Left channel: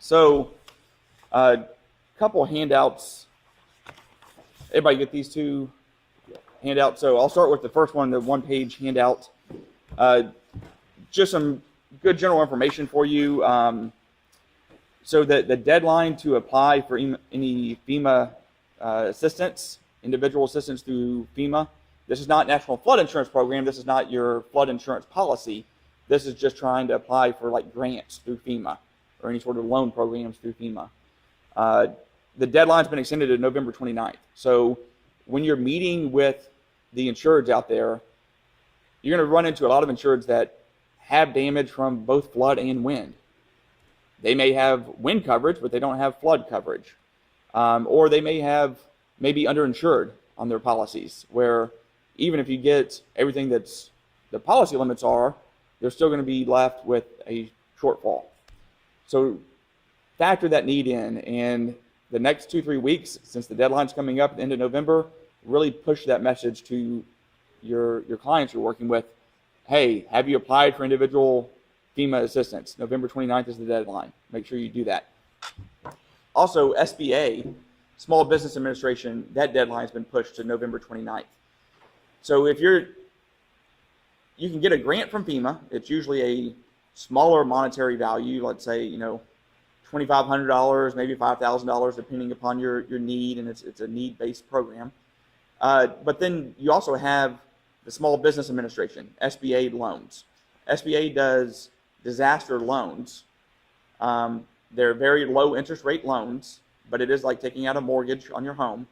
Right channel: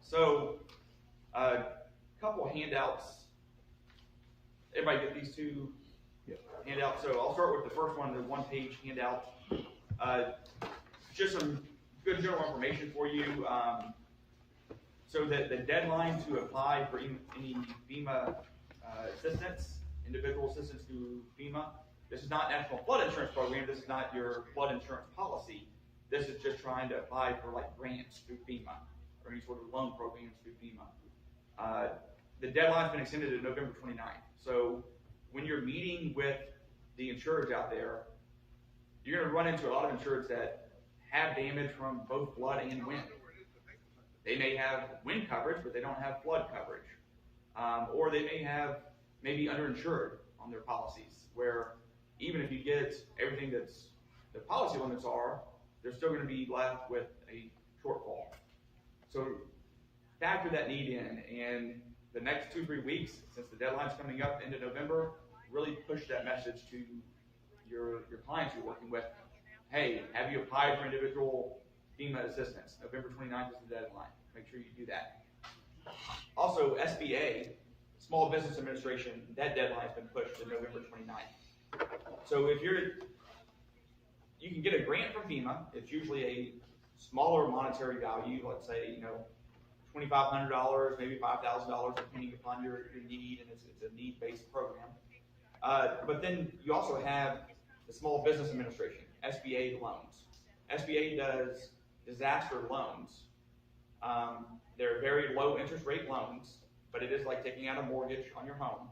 So, couple handouts. Everybody get these two handouts. So I'll start with the first one, the one-page handout. Just some good general information for you. So the deadline to apply for any FEMA assistance, individual assistance through FEMA. This is not National Flood Insurance Program. This is not your flood insurance policy. This is just trying to apply for like grants through FEMA or any sort of loan programs through FEMA. The deadline's been extended to November 29th. So when you're meeting with the insureds out there, you're going to run into a lot of insureds that have damage from both flood and wind. They may have wind coverage, but they don't have flood coverage. Or they may be underinsured on their policies, where even if you get everything that's the policy limits are, they're still going to be left with a shortfall. So factor that need in, and the next 2-3 weeks, since the deadline's coming up at the end of November, really push that message to your clients you're working with. Hey, have you applied for individual FEMA assistance? November 29th is the deadline. Make sure you do that. Also, SBA, Small Business Administration, that deadline has been pushed to November 29th. So if you can get a grant from FEMA. It's usually a smaller monetary value, let's say, $2,500, maybe $5,000, depending upon your need, and it's a need-based program. But then you also have the Small Business Administration, SBA loans. SBA does disaster loans. They're very low interest rate loans, but it is like taking out a mortgage on your home.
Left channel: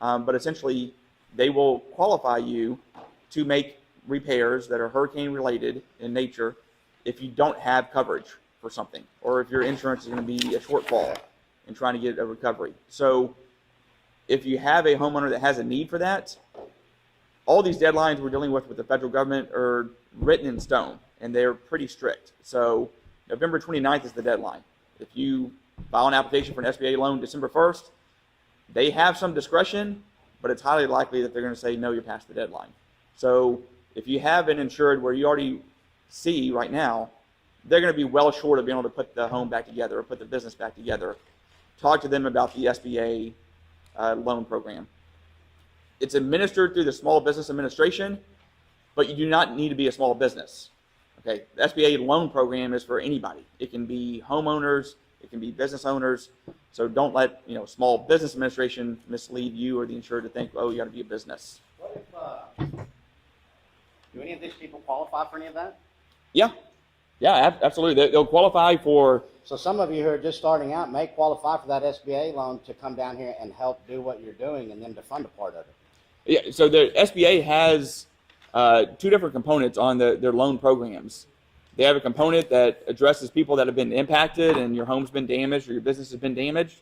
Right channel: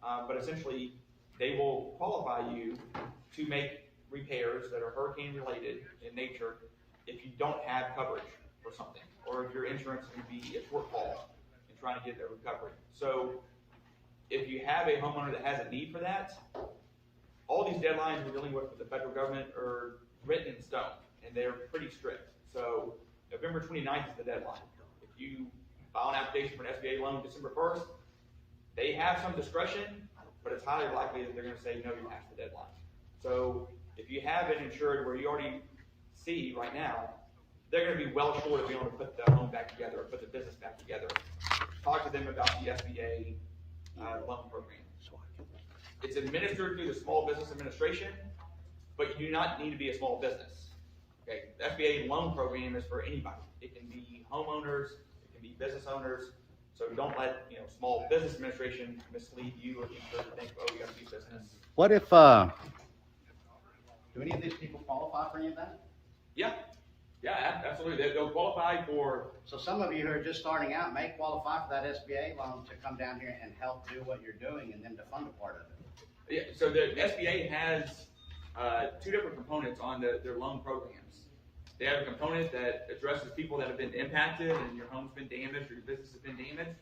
But essentially, they will qualify you to make repairs that are hurricane related in nature if you don't have coverage for something, or if your insurance is going to be a shortfall in trying to get a recovery. So if you have a homeowner that has a need for that, all these deadlines we're dealing with the federal government are written in stone, and they're pretty strict. So November 29th is the deadline. If you file an application for an SBA loan December 1st, they have some discretion, but it's highly likely that they're going to say, no, you're past the deadline. So if you have an insured where you already see right now, they're going to be well short of being able to put the home back together or put the business back together. Talk to them about the SBA loan program. It's administered through the Small Business Administration, but you do not need to be a small business. Okay, the SBA loan program is for anybody. It can be homeowners, it can be business owners. So don't let Small Business Administration mislead you or the insured to think, oh, you got to be a business. What if do any of these people qualify for any of that? Yeah, absolutely. They'll qualify for. So some of you who are just starting out may qualify for that SBA loan to come down here and help do what you're doing, and then to fund a part of it. Yeah. So the SBA has two different components on their loan programs. They have a component that addresses people that have been impacted and your home's been damaged or your business has been damaged.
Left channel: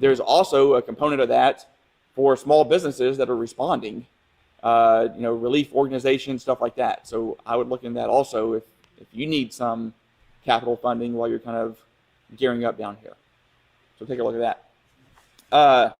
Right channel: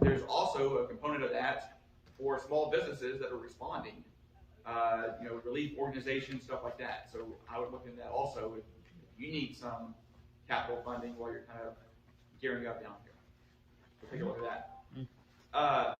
There's also a component of that for small businesses that are responding, relief organizations, stuff like that. So I would look in that also if you need some capital funding while you're kind of gearing up down here. So take a look at that.